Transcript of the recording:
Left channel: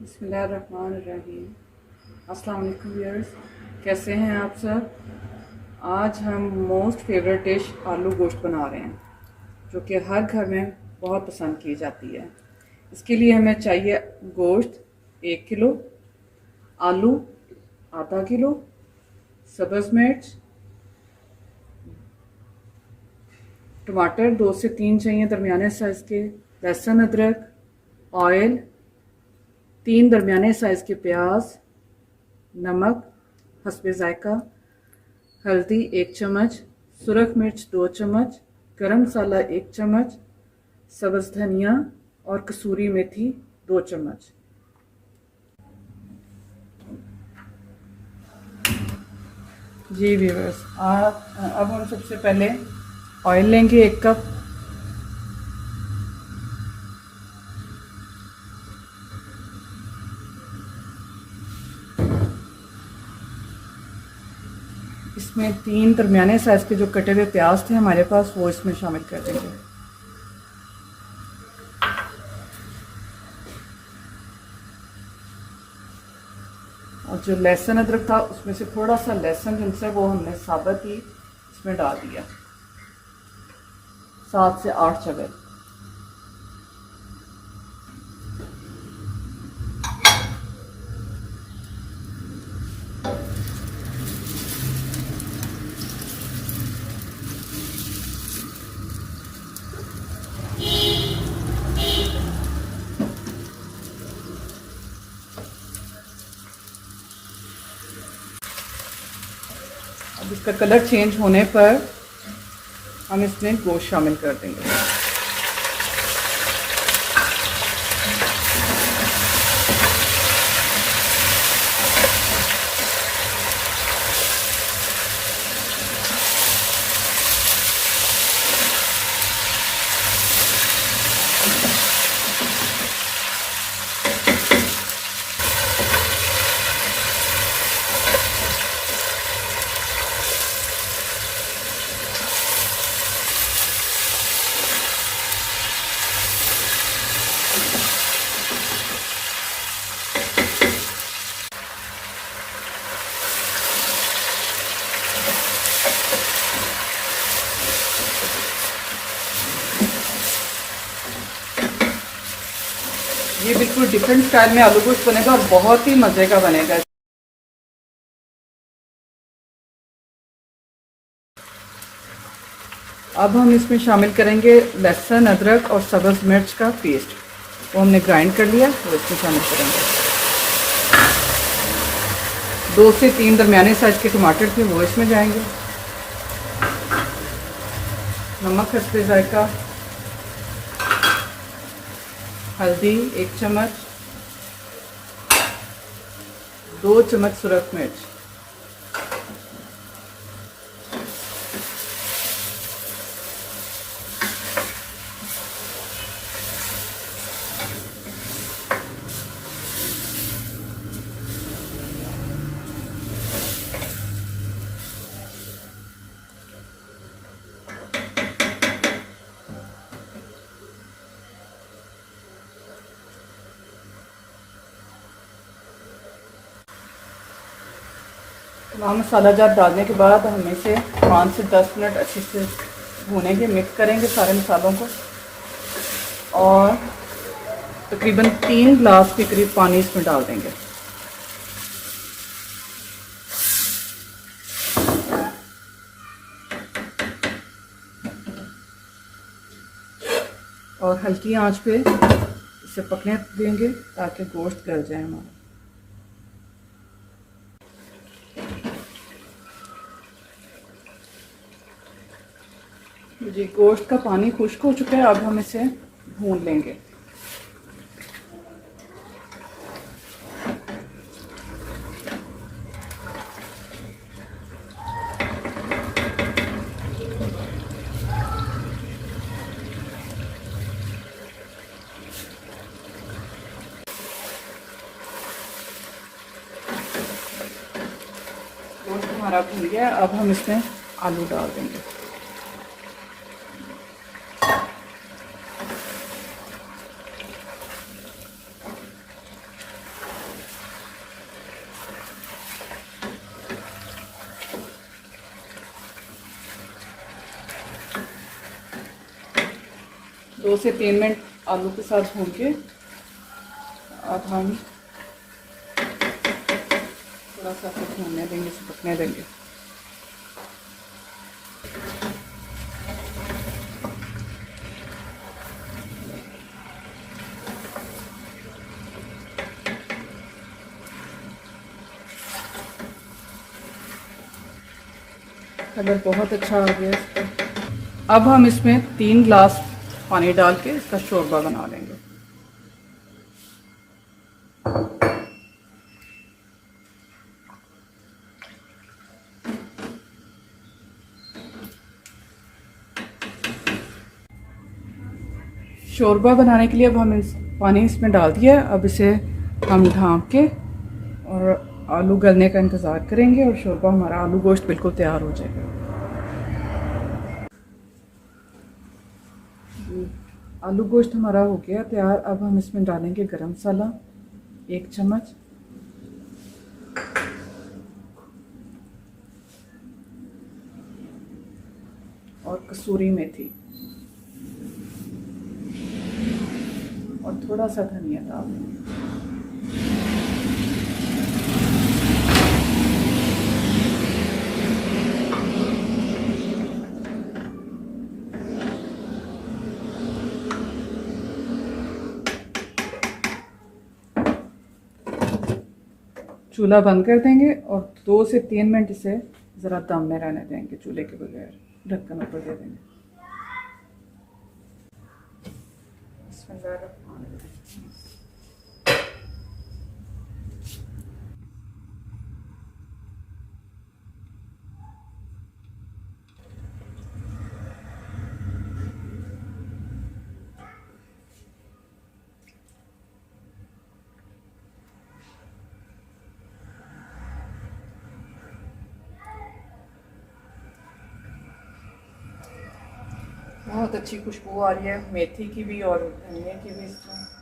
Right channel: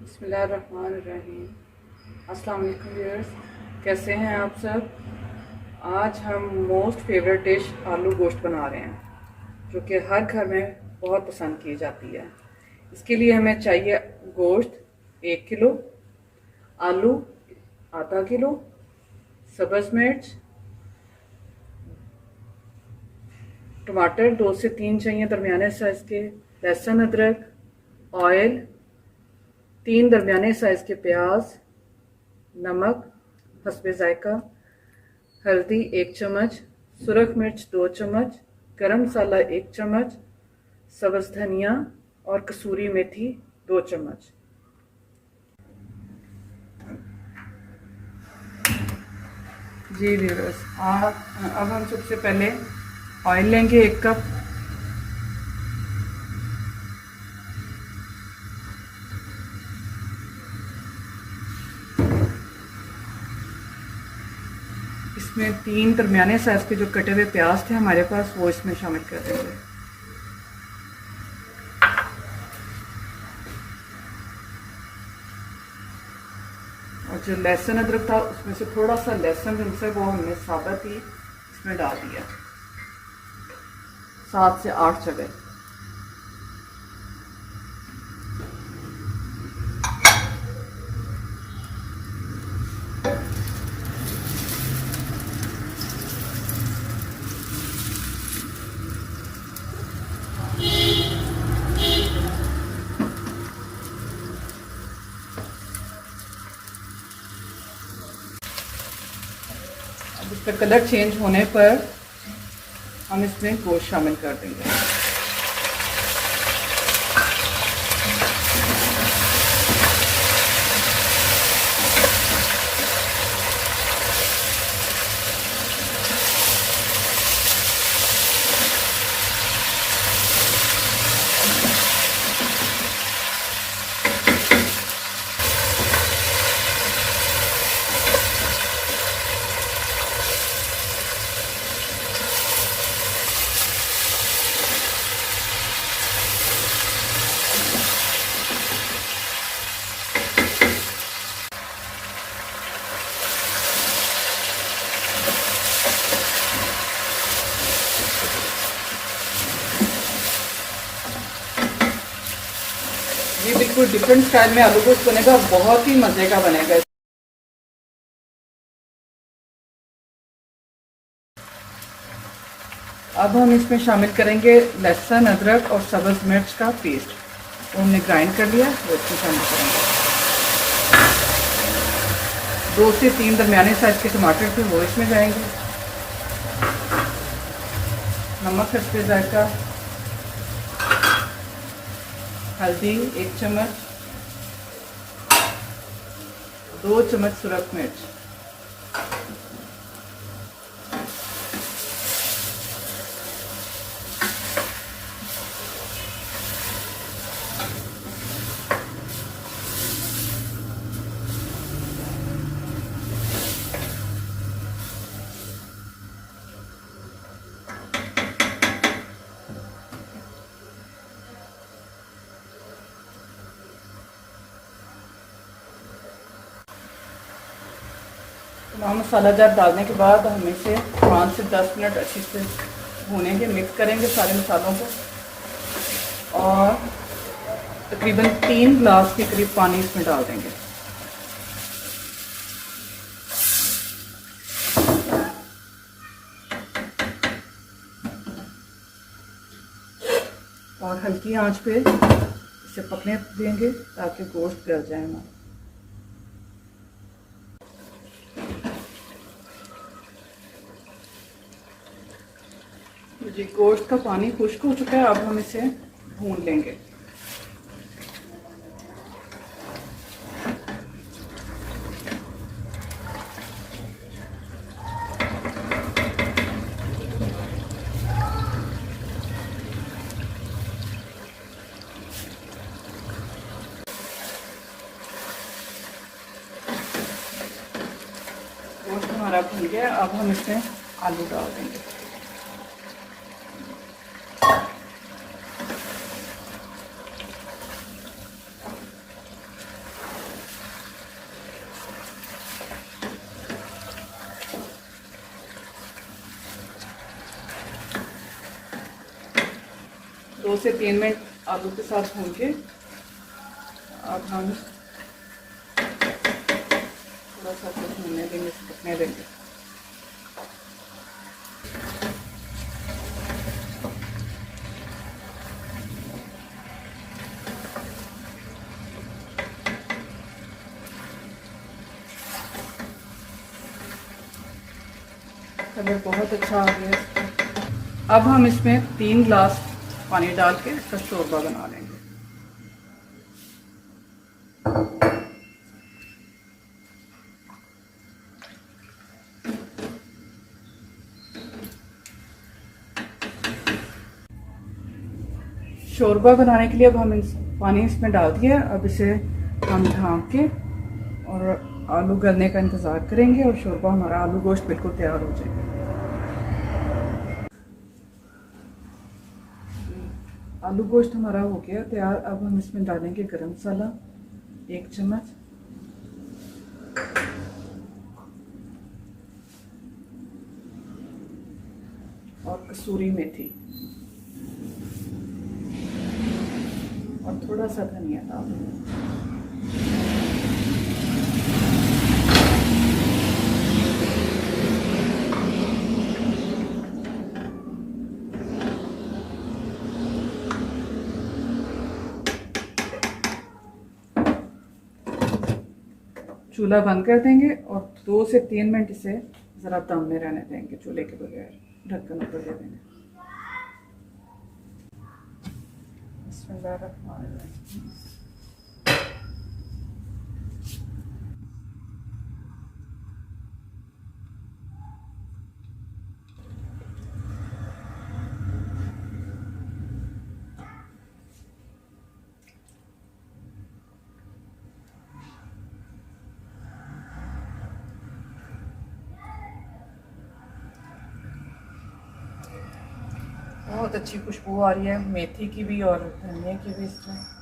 बिस्मिल्लाहिर्रहमानिर्रहीम। अस्सलाम वालेकुम व्यूअर्स, कैसे हैं आप सब। आज हम मोस्ट फेवरेट डिश आलू गोश्त बना रहे हैं जो कि हर घर में बहुत पसंद की जाती है। इसके लिए हमें चाहिए गोश्त 1 किलो, आलू आधा किलो, सब्ज़ मिर्च, टमाटर 2 से 3 चाहिए दरमियाने साइज़ के, लहसुन अदरक, ऑयल, 3 दरमियाने साइज़ के प्याज, नमक हस्बे जायका, हल्दी 1 चम्मच, सुरख मिर्च 2 चम्मच, गरम मसाला 1 चम्मच, सब्ज़ धनिया और कसूरी मेथी 2 चम्मच। जी व्यूअर्स, अब हम सबसे पहले ऑयल लेंगे 1 कप। इसमें 3 दरमियाने साइज़ के जो कटे हुए प्याज थे हमारे पास, वो इसमें शामिल कर देंगे। और जो लहसुन अदरक था उसमें से थोड़ा सा लहसुन जिनसे वो हमने साबुत ही इसमें डाल दिया, 7 से 8 जगह। अब इसका कलर चेंज होने पर हम इसमें गोश्त शामिल कर देंगे। ये बिल्कुल डिफरेंट स्टाइल में आलू गोश्त बनेगा और बहुत ही मज़े का बनेगा। अब हम इसमें शामिल करेंगे लहसुन अदरक और सब्ज़ मिर्च का पेस्ट, वो हमने ग्राइंड कर लिया, वो इसमें शामिल करेंगे। 2 से 3 दरमियाने साइज़ के टमाटर थे, वो इसमें जाएंगे। नमक हस्बे जायका, हल्दी 1 चम्मच, 2 चम्मच सुरख मिर्च, मसाला जार डालने के बाद हम इसे 5 से 10 मिनट अच्छे से भूनेंगे, मिक्स करेंगे सारे मसालों को, और तकरीबन 3 गिलास के करीब पानी इसमें डाल देंगे। और हल्की आंच पे इसे पकने देंगे ताकि गोश्त गल जाए हमारा। जी गोश्त का पानी खुश्क हो चुका है, अब हम इसे भून लेंगे। गोश्त हमारा भून गया, अब हम इसमें आलू डाल देंगे। 2 से 3 मिनट आलू के साथ भून के अब हम थोड़ा सा भूनने देंगे, पकने देंगे। कलर बहुत अच्छा आ गया इसका। अब हम इसमें 3 गिलास पानी डाल के इसका शोरबा बना लेंगे। शोरबा बनाने के लिए अब हम पानी इसमें डाल दिया। अब इसे हम ढाँप के और आलू गलने का इंतज़ार करेंगे और शोरबा हमारा आलू गोश्त बिल्कुल तैयार हो जाएगा। आलू गोश्त हमारा हो गया तैयार। अब हम इसमें डालेंगे गरम मसाला 1 चम्मच, और कसूरी मेथी और थोड़ा सा धनिया डाल देंगे। चूल्हा बंद कर देंगे और 2 से 3 मिनट इसे ज़रा दम में रहने देंगे। चूल्हे के बगैर ढक्कन ऊपर दे देंगे। बहुत अच्छी खुशबू आ रही है मेथी की भी और धनिया की भी इसमें।